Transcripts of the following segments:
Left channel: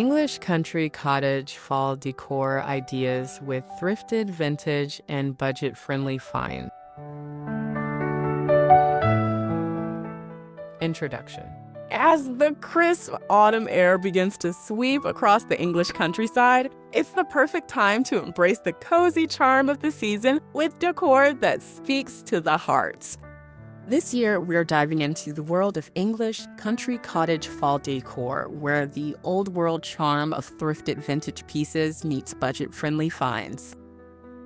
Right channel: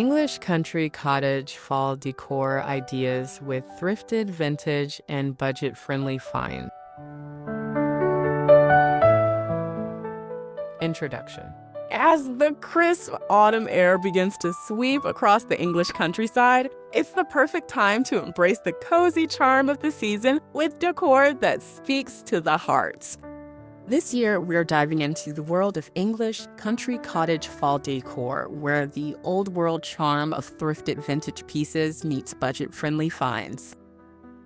English country cottage fall decor ideas with thrifted, vintage, and budget-friendly finds. Introduction. As the crisp autumn air begins to sweep across the English countryside, it's the perfect time to embrace the cozy charm of the season with decor that speaks to the heart. This year, we're diving into the world of English country cottage fall decor, where the old-world charm of thrifted vintage pieces meets budget-friendly finds.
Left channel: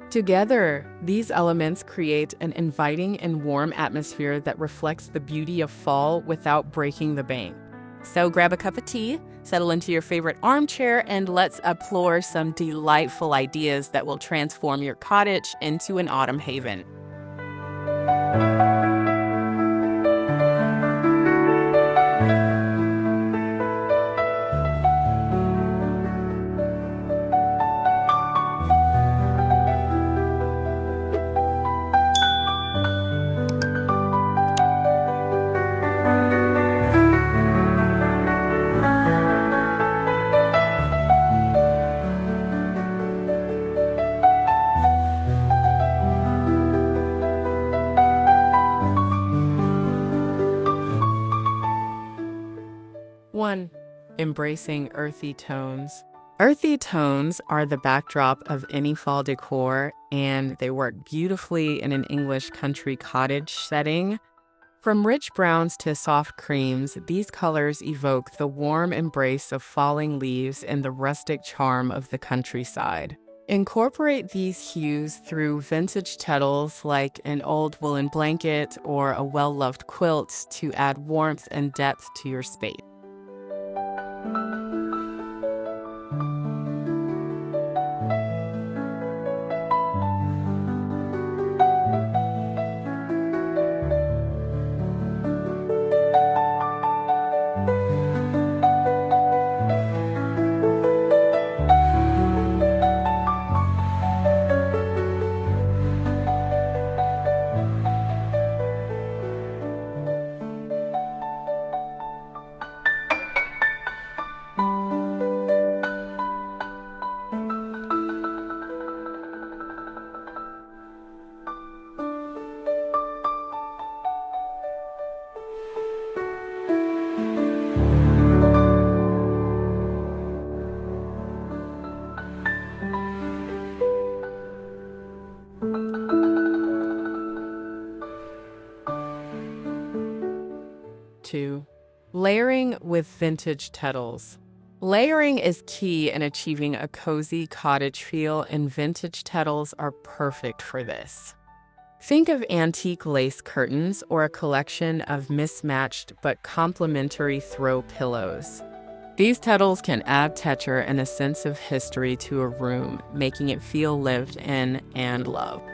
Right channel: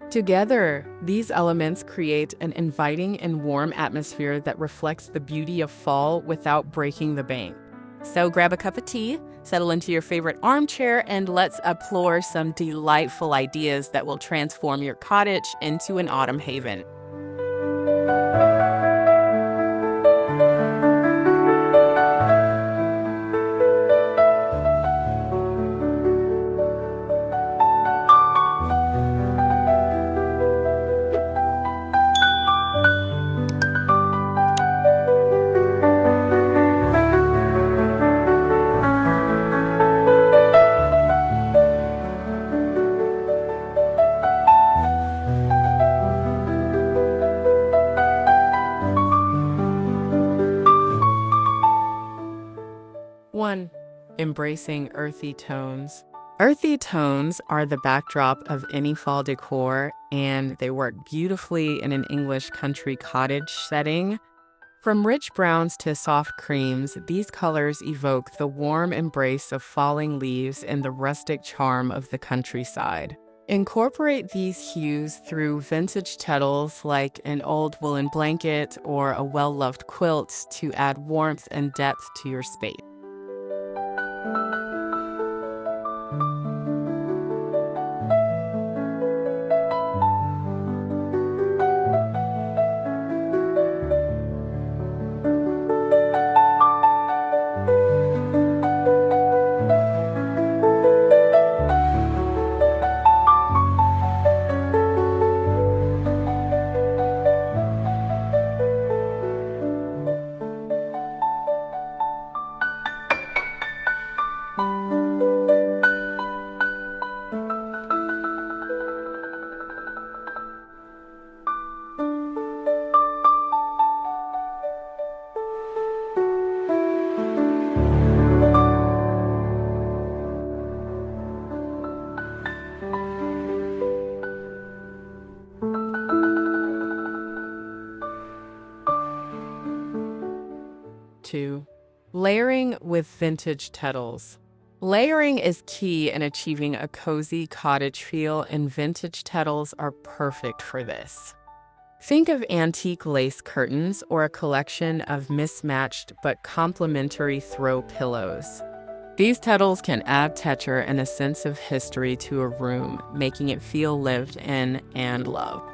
Together, these elements create an inviting and warm atmosphere that reflects the beauty of fall without breaking the bank. So grab a cup of tea, settle into your favorite armchair, and let's explore some delightful ideas that will transform your cottage into an autumn haven. One, embracing earthy tones. Earthy tones are the backdrop of any fall decor, and they work beautifully in an English country cottage setting. From rich browns to soft creams, these colors evoke the warm embrace of falling leaves and the rustic charm of the countryside. Incorporate these hues through vintage textiles like an old woolen blanket or a well-loved quilt to add warmth and depth to your space. Two, layering with vintage textiles. Layering is key in achieving a cozy cottage feel, and vintage textiles are perfect for this. Think of antique lace curtains or a collection of mismatched but complementary throw pillows. These textiles can add texture and a sense of history to a room, making it feel lived in and loved.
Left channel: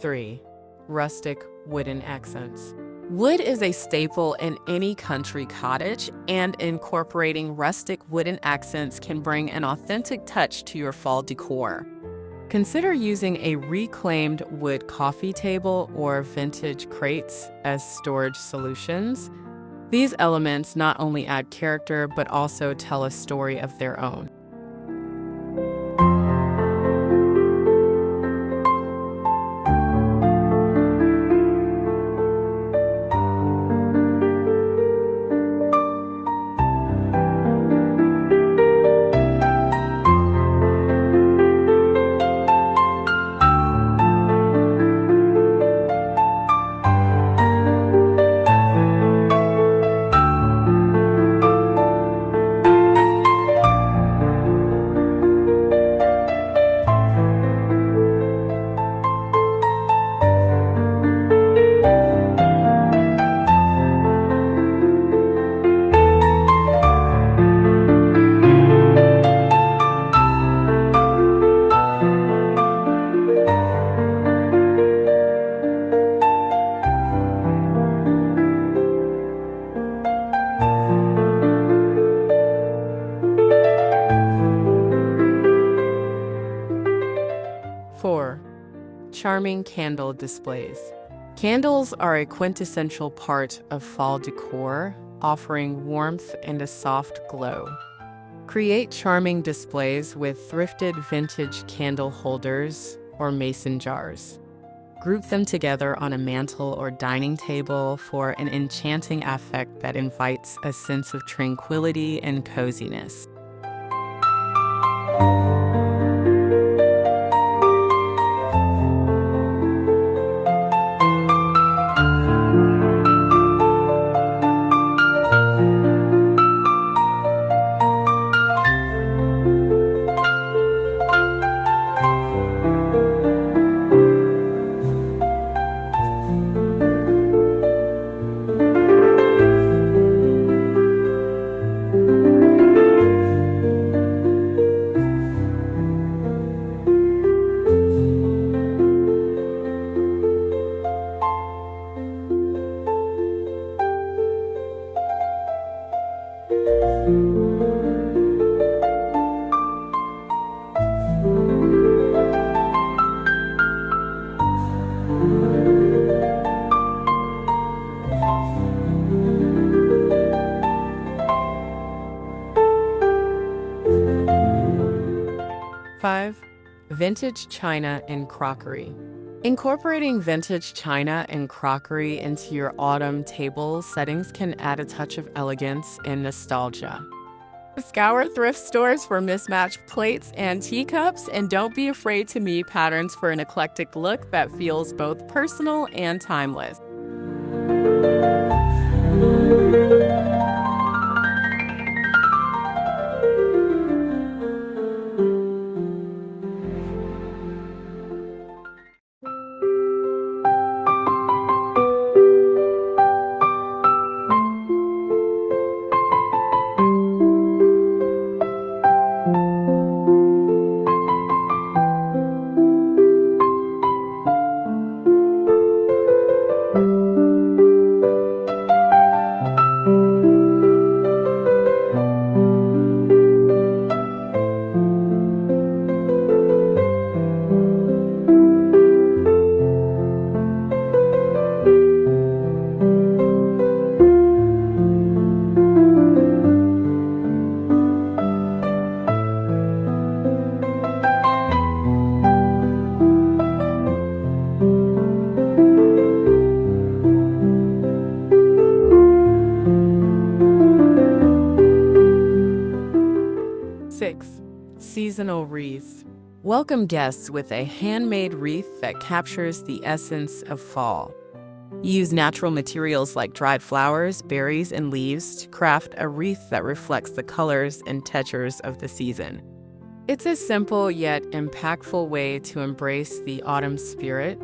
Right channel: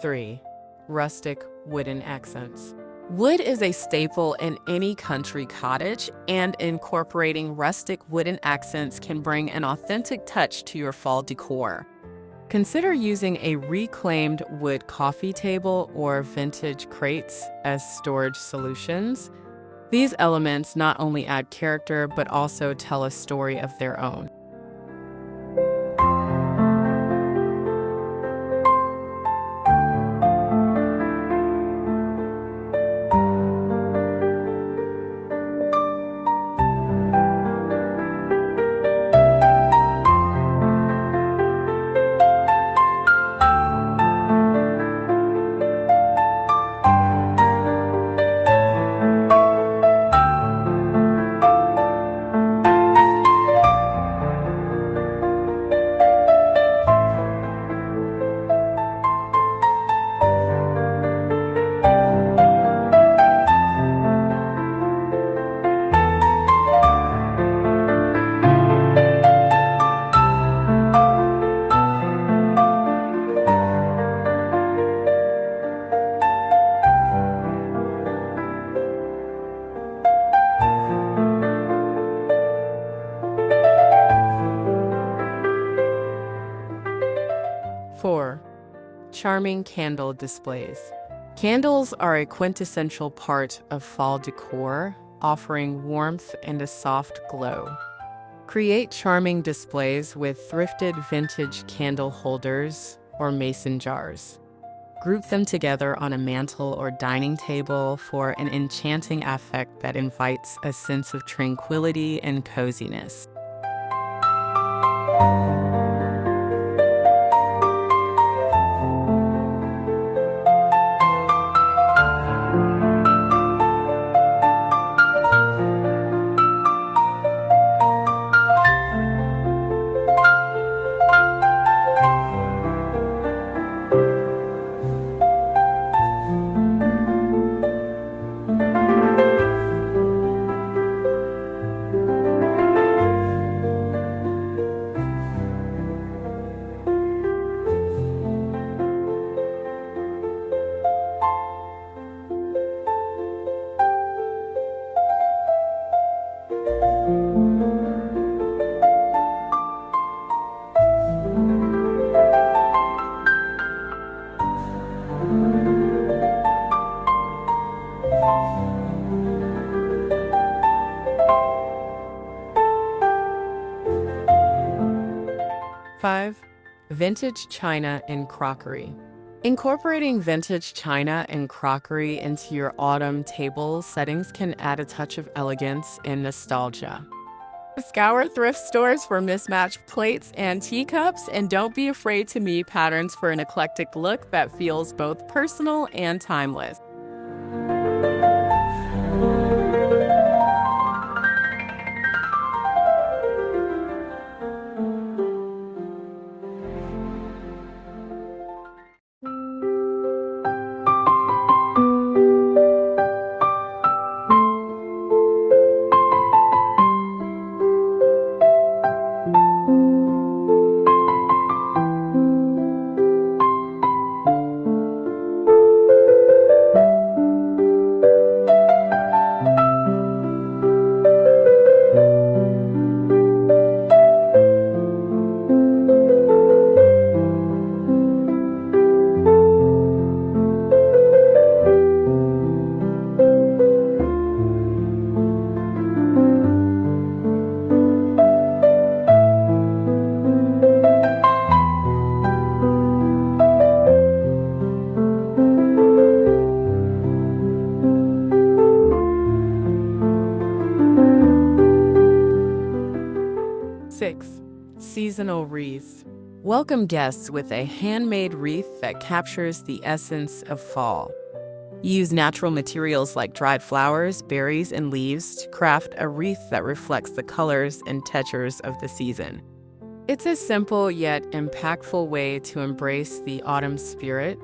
Three, rustic wooden accents. Wood is a staple in any country cottage, and incorporating rustic wooden accents can bring an authentic touch to your fall decor. Consider using a reclaimed wood coffee table or vintage crates as storage solutions. These elements not only add character but also tell a story of their own. charming candle displays. Candles are a quintessential part of fall decor, offering warmth and a soft glow. Create charming displays with thrifted vintage candle holders or mason jars. Group them together on a mantle or dining table for an enchanting effect that invites a sense of tranquility and coziness. Five, vintage china and crockery. Incorporating vintage china and crockery into your autumn table settings can add a touch of elegance and nostalgia. Scour thrift stores for mismatched plates and teacups, and don't be afraid to meet patterns for an eclectic look that feels both personal and timeless. Seasonal wreaths. Welcome guests with a handmade wreath that captures the essence of fall. Use natural materials like dried flowers, berries, and leaves to craft a wreath that reflects the colors and textures of the season. It's a simple yet impactful way to embrace the autumn spirit.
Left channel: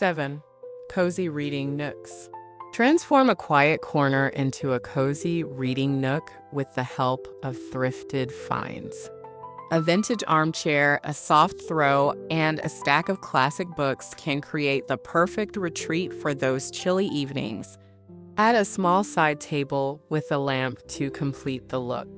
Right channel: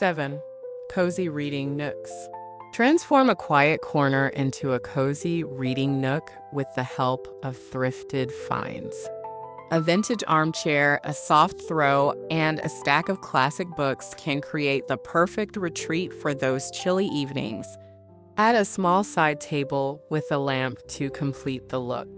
Seven, cozy reading nooks. Transform a quiet corner into a cozy reading nook with the help of thrifted finds. A vintage armchair, a soft throw, and a stack of classic books can create the perfect retreat for those chilly evenings. Add a small side table with a lamp to complete the look.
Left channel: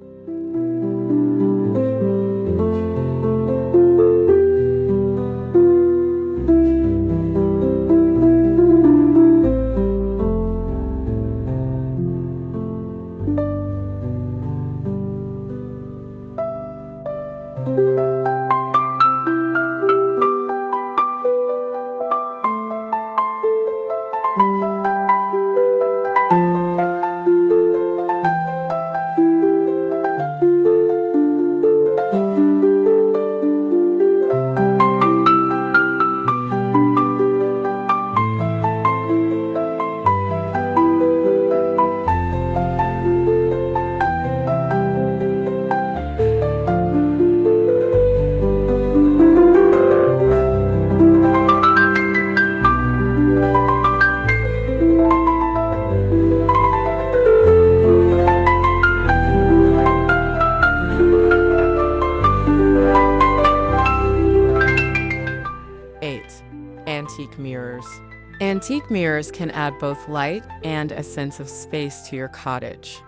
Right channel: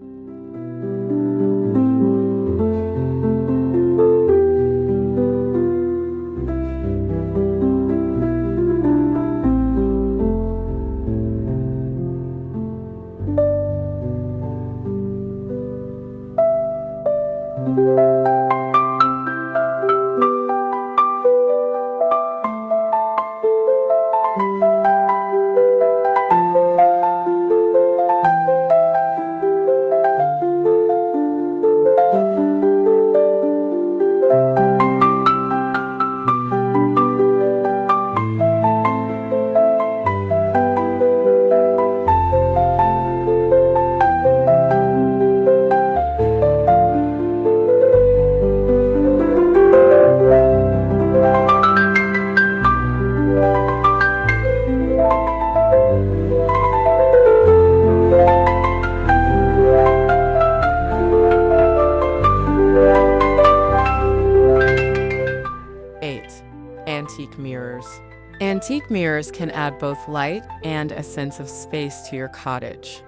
Antique mirrors. Antique mirrors can add both light and a sense of space to your cottage.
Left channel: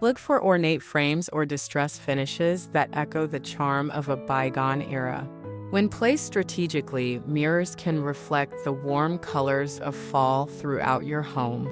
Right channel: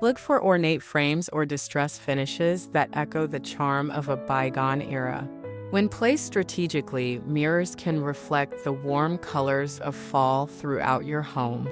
Look for ornate frames or distressed finishes that echo the charm of a bygone era. When placed strategically, mirrors can reflect the warm colors of fall throughout your home.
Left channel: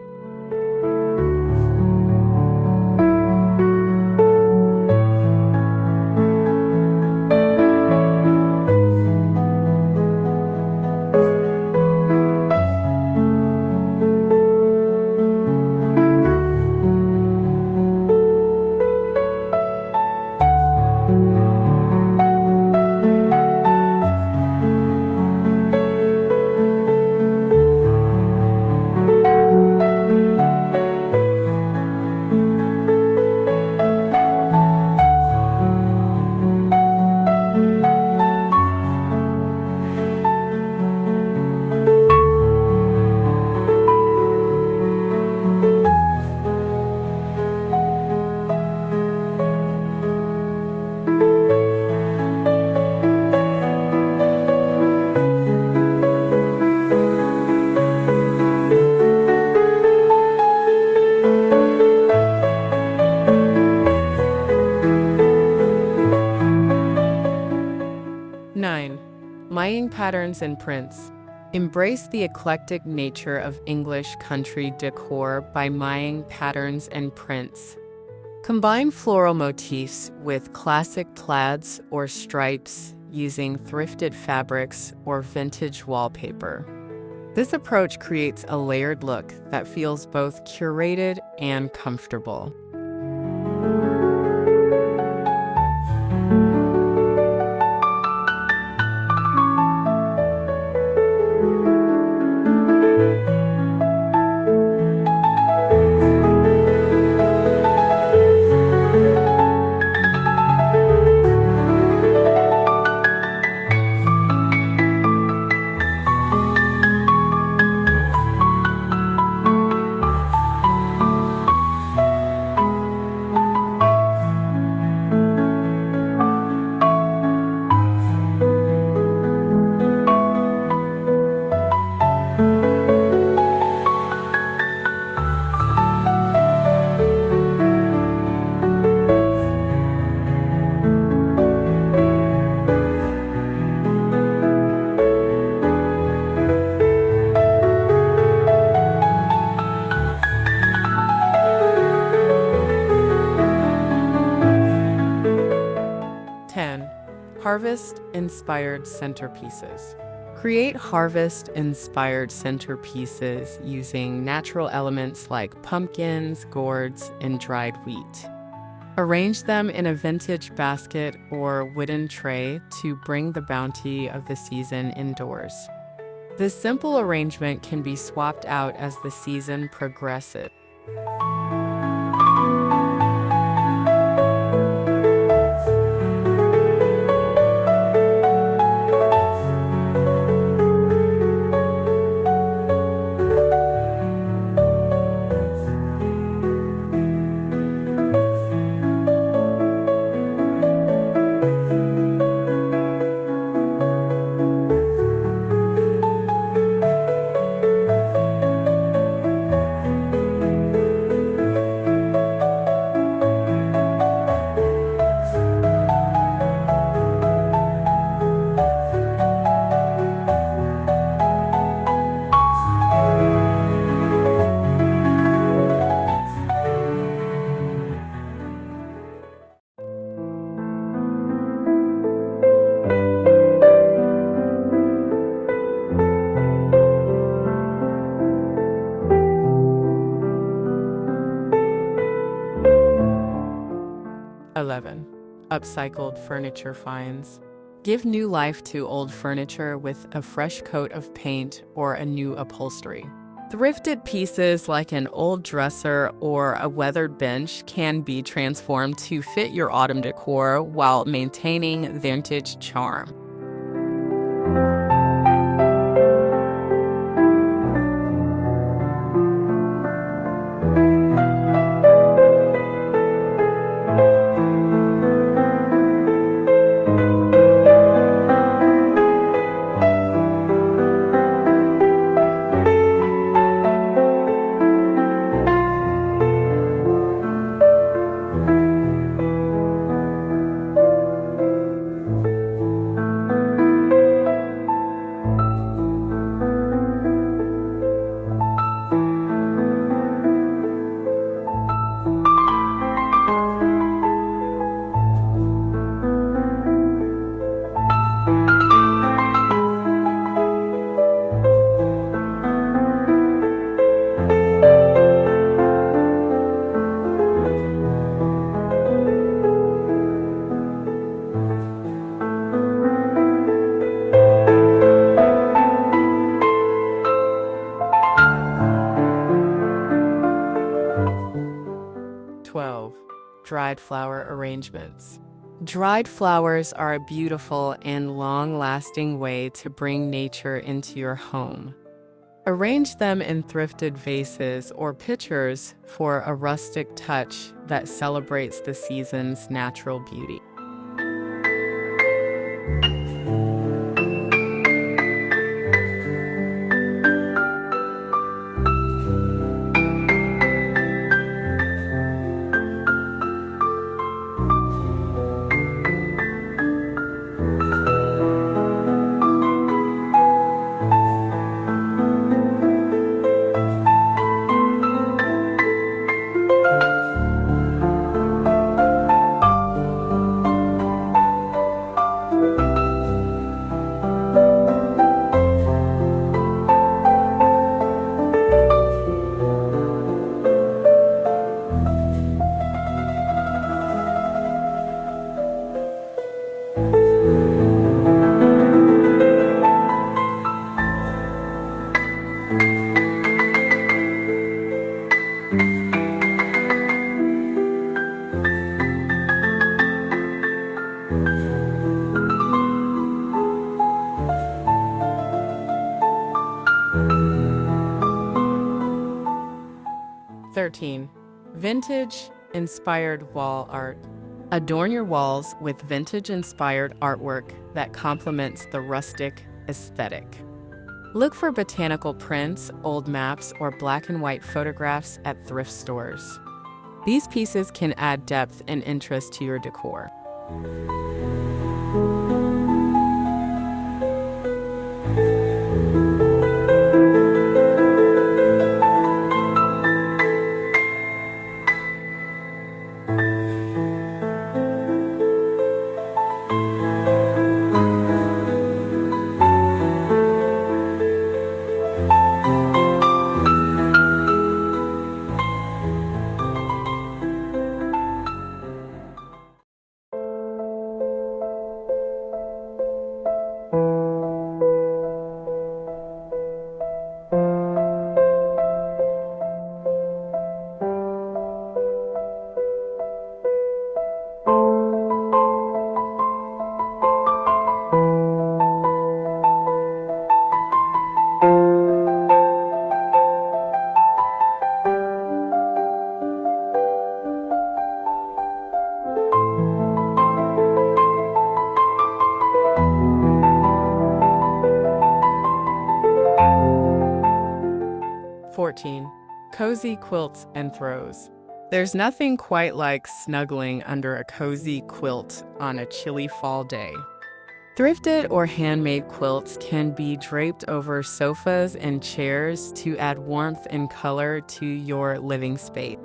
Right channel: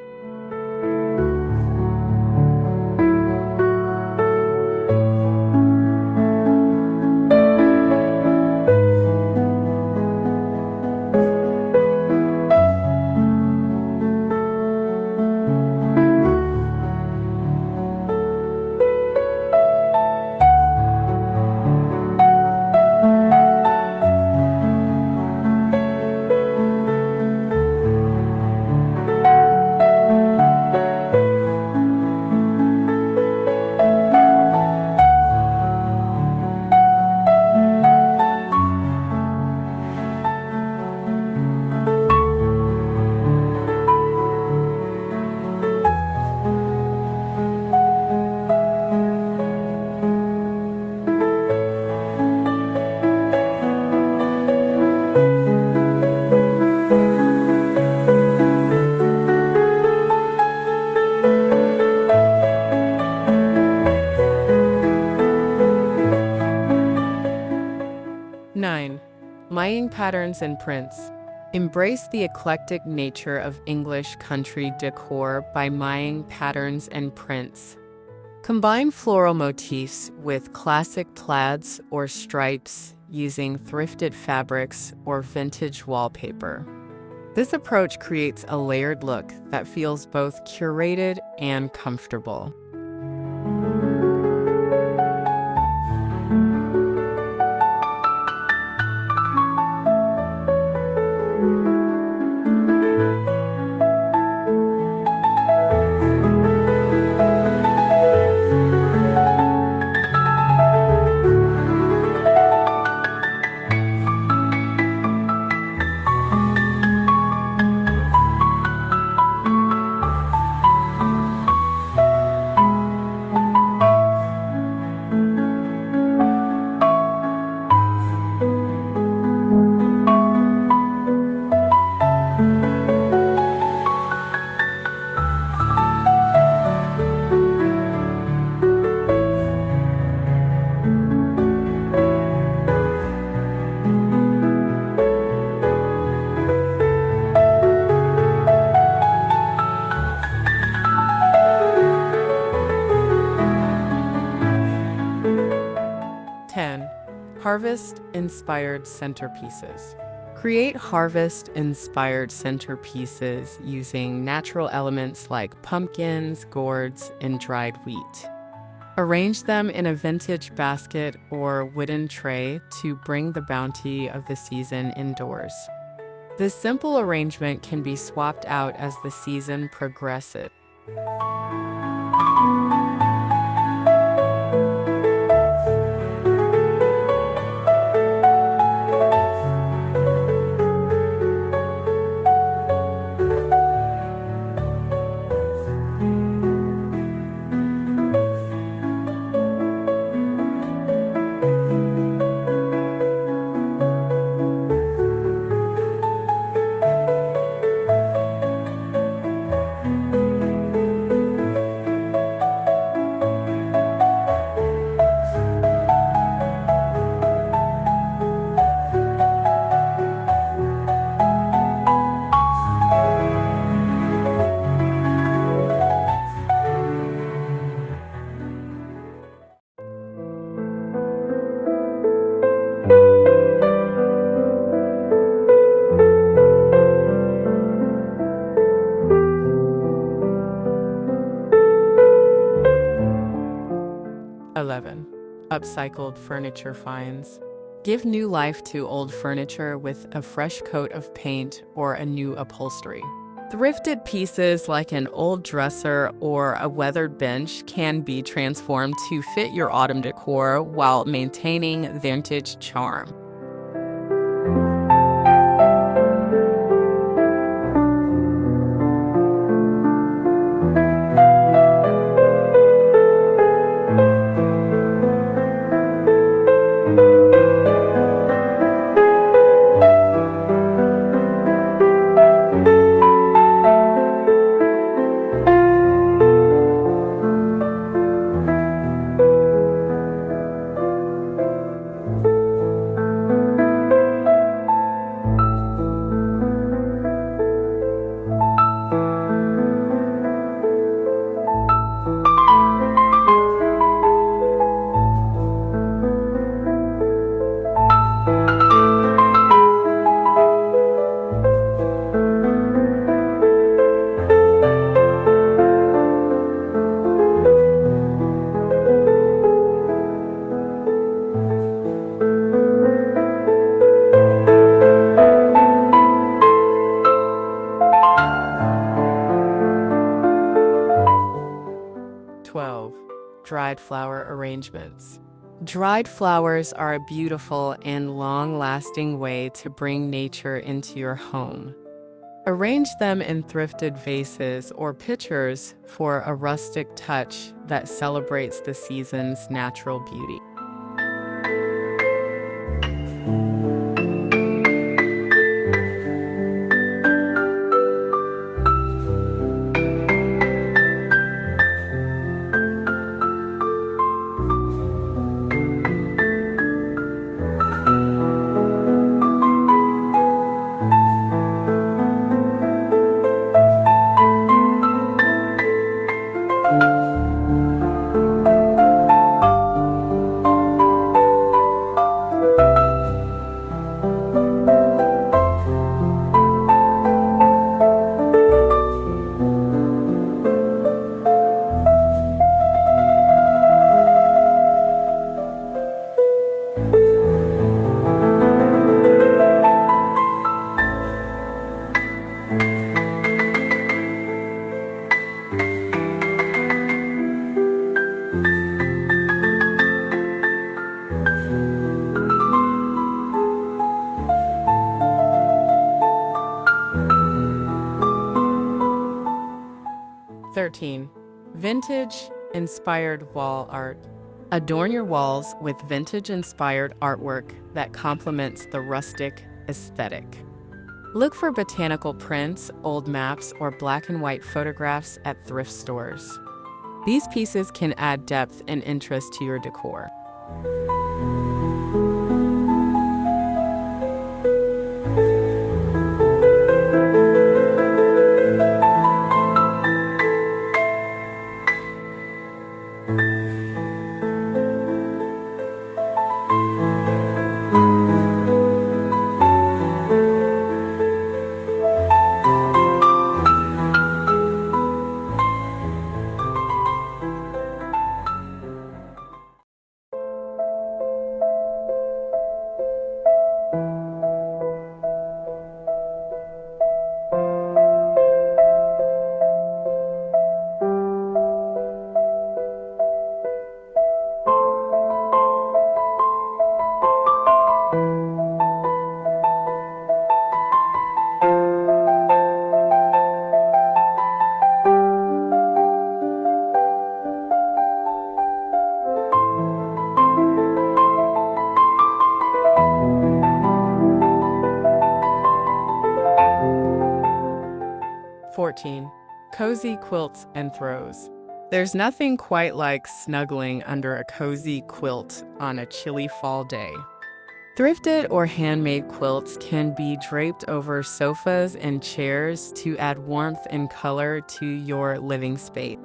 Nine, Mying patterns and prints. Embrace the eclectic nature of English country decor by mying patterns and prints. Combine floral motifs with classic plaids or stripes using thrifted fabrics or vintage wallpaper. This approach creates a layered look that feels both curated and comfortable. Harvest-inspired centerpieces. Create harvest-inspired centerpieces using natural elements like pumpkins, gourds, and dried wheat. Arrange them in a vintage basket or wooden tray to bring the bounty of the season indoors. This simple arrangement can be swapped out as the season progresses. 11. Upcycled furniture finds. Give new life to old furniture with a fresh coat of paint or a new upholstery. Thrifted pieces like an old dresser or a weathered bench can be transformed to fit your autumn decor while maintaining vintage charm. Dried flower arrangements. Dried flowers are a beautiful and long-lasting way to bring nature into your home. Arrange them in thrifted vases or pitchers for a rustic touch that celebrates the season's natural beauty. Vintage-inspired wall art. Adorn your walls with vintage-inspired artwork that complements the rustic aesthetic. Look for botanical prints, old maps, or black and white photographs at thrift stores. These pieces can add depth and interest to your decor. Cozy quilts and throws. There's nothing quite like snuggling under a cozy quilt on a chilly fall day. Thrifted or handmade quilts can be draped over sofas and chairs to add warmth and color to your living space.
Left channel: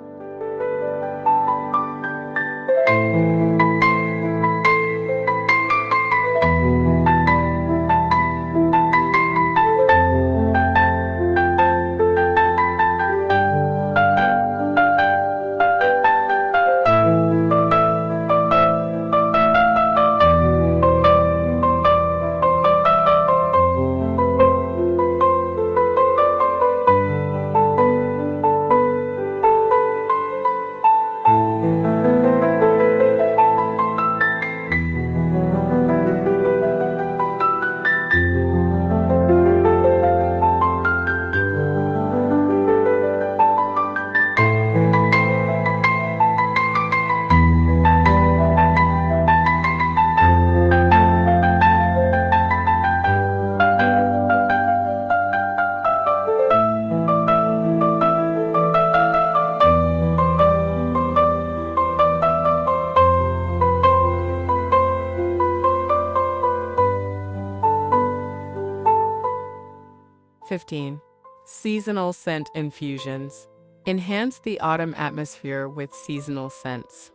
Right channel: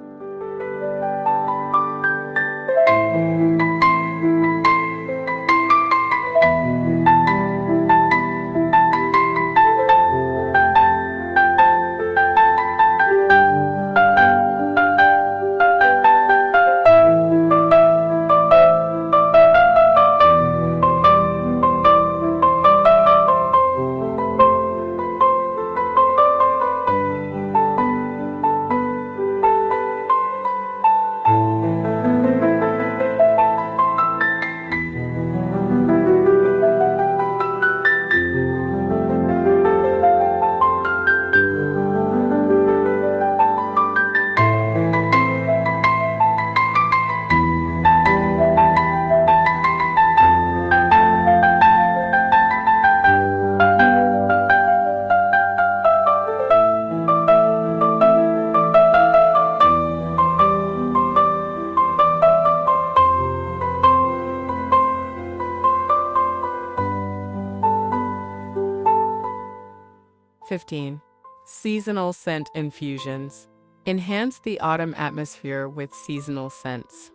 15. Seasonal scent infusions. Enhance the autumn atmosphere with seasonal scents.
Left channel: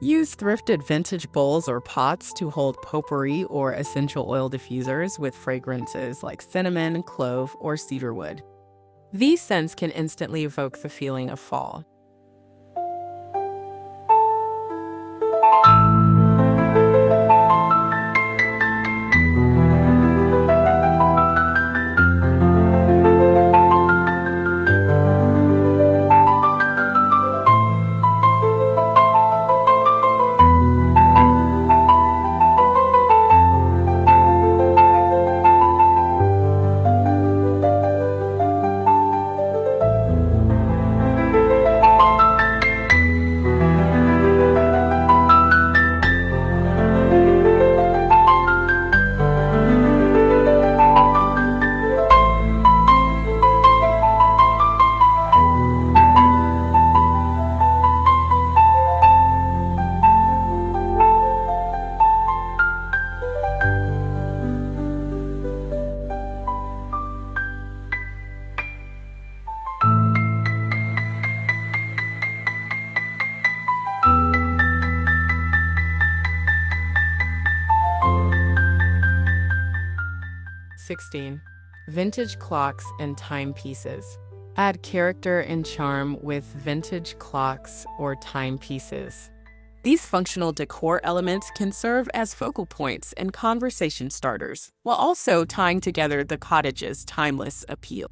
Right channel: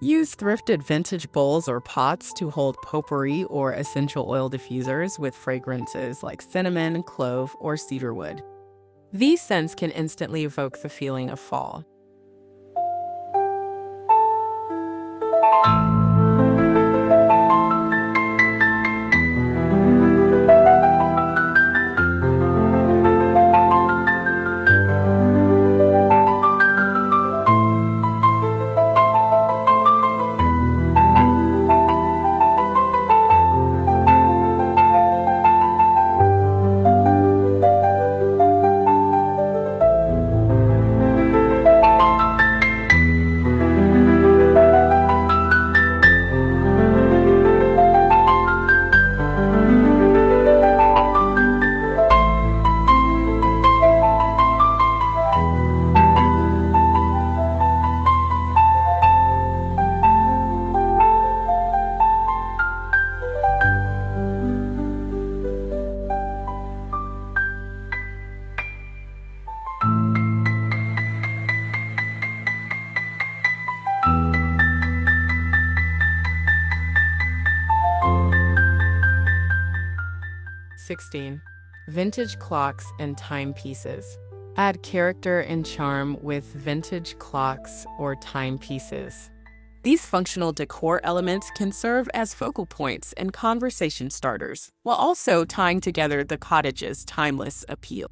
Use thrifted vintage bowls or pots to hold potpourri or essential oil diffusers with fragrances like cinnamon, clove, or cedarwood. These scents can instantly evoke the feeling of fall. 16. Vintage clocks and timepieces. Add character and charm with vintage clocks or timepieces. These functional decor elements can serve as focal points and conversation starters, while also tying together the cottage's timeless appeal.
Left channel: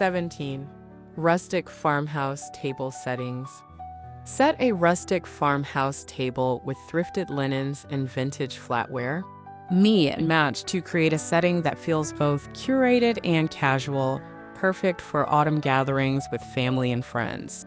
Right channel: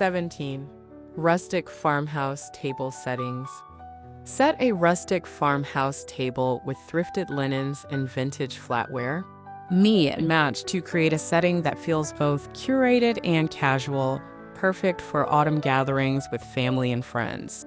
17. Rustic farmhouse table settings. Set a rustic farmhouse table with thrifted linens and vintage flatware. Match to create a setting that feels both curated and casual, perfect for autumn gatherings with family and friends.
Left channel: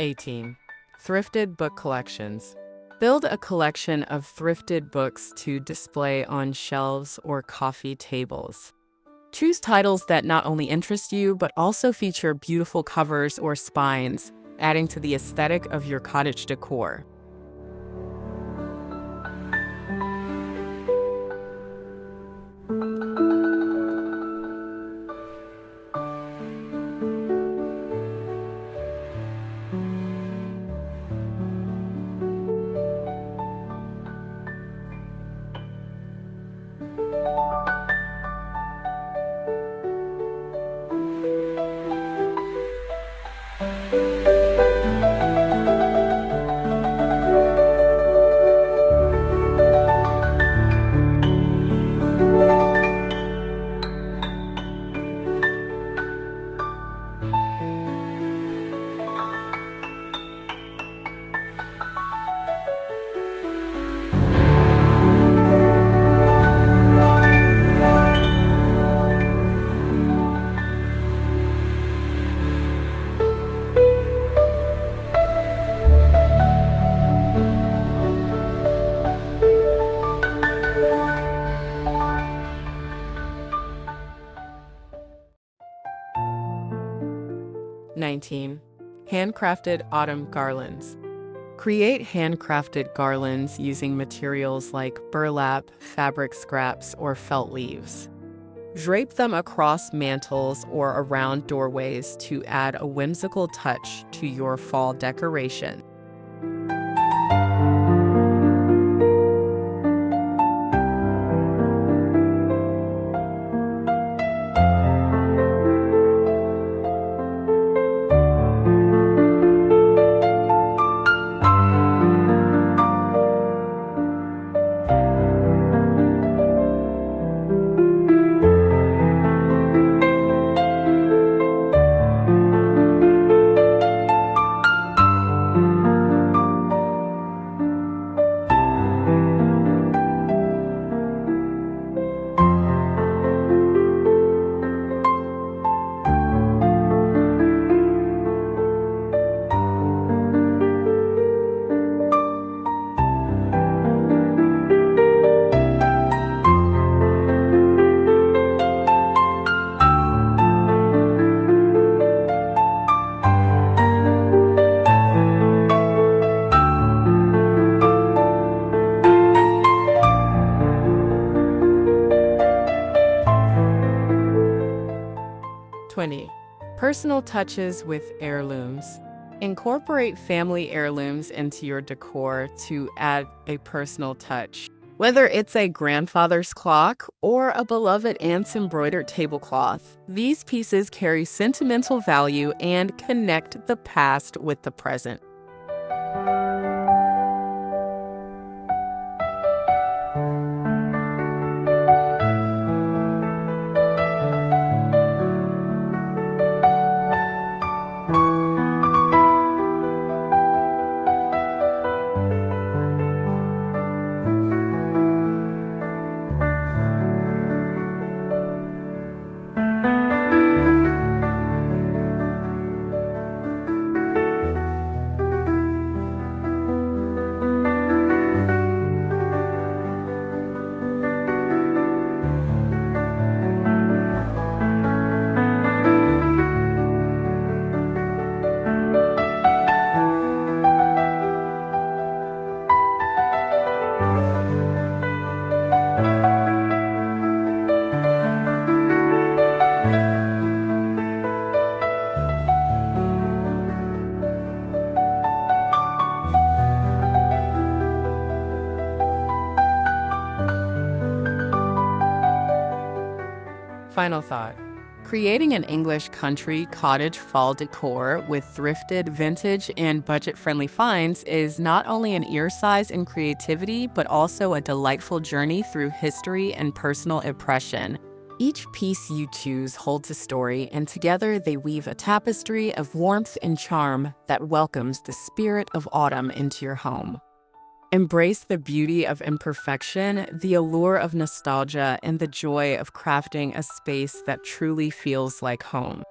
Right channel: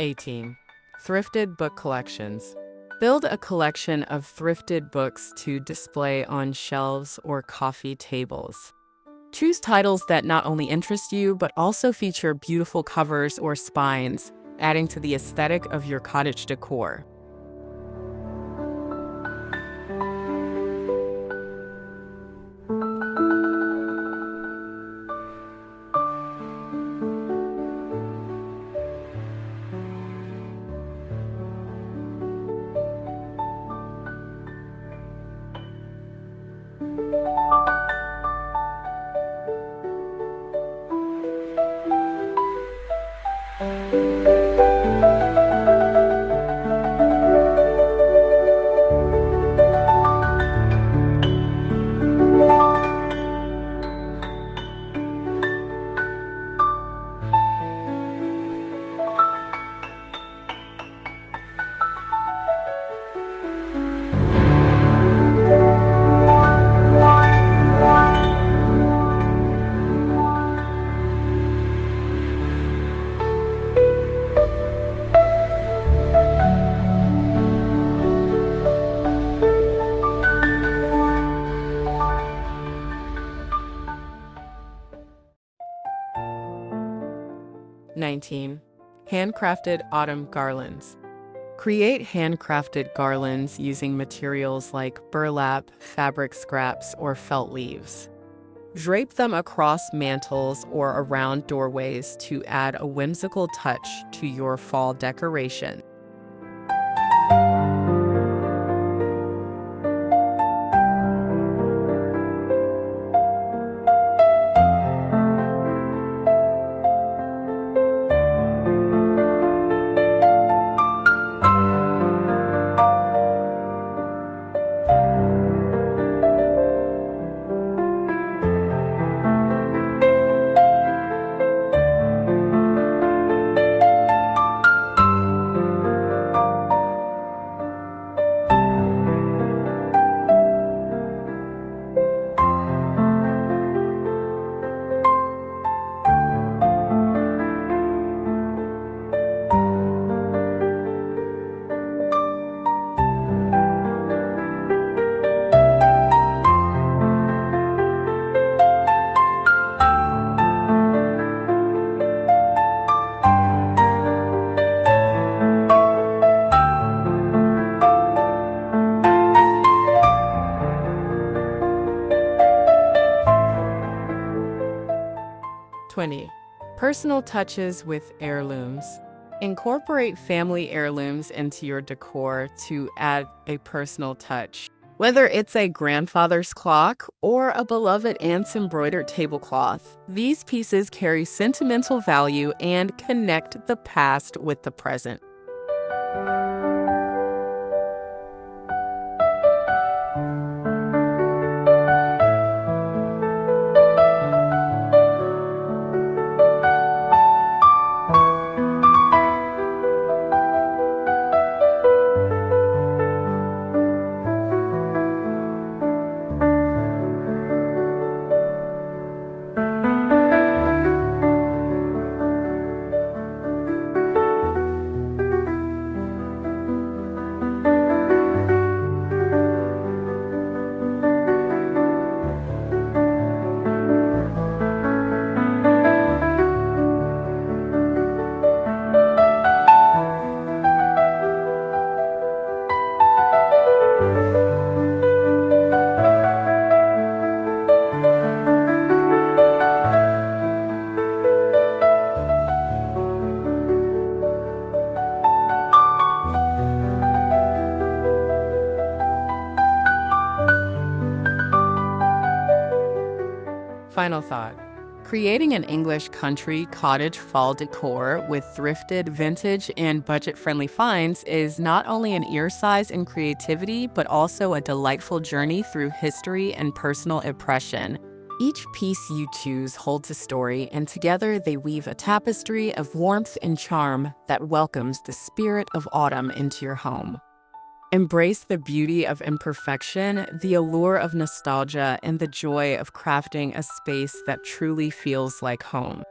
18. Thrifted book collections. Build a collection of thrifted books to display on shelves or coffee tables. Choose titles that not only interest you, but also feature beautiful covers or spines, adding to the aesthetic of your cottage decor. 19. Handcrafted autumn garlands. Create handcrafted garlands using materials like burlap, fabric scraps, or felt leaves. Drape them across mantels or around doorways to add a whimsical touch to your fall decoration. Personal touches with heirlooms. Incorporate family heirlooms into your decor to add a personal touch. Whether it's a grandfather's clock or a beloved aunt's embroidered tablecloth, these pieces carry sentimental value and connect the past with the present. Final thought. Creating an English country cottage fall decor with thrifted, vintage, and budget-friendly finds is not only an exercise in creativity, but also a delightful journey through history and personal impression. Each piece you choose holds a story, and together they weave a tapestry of warmth and charm that welcomes the spirit of autumn into your home. Embrace the beauty of imperfection, the allure of nostalgia, and the joy of crafting a space that truly feels like home.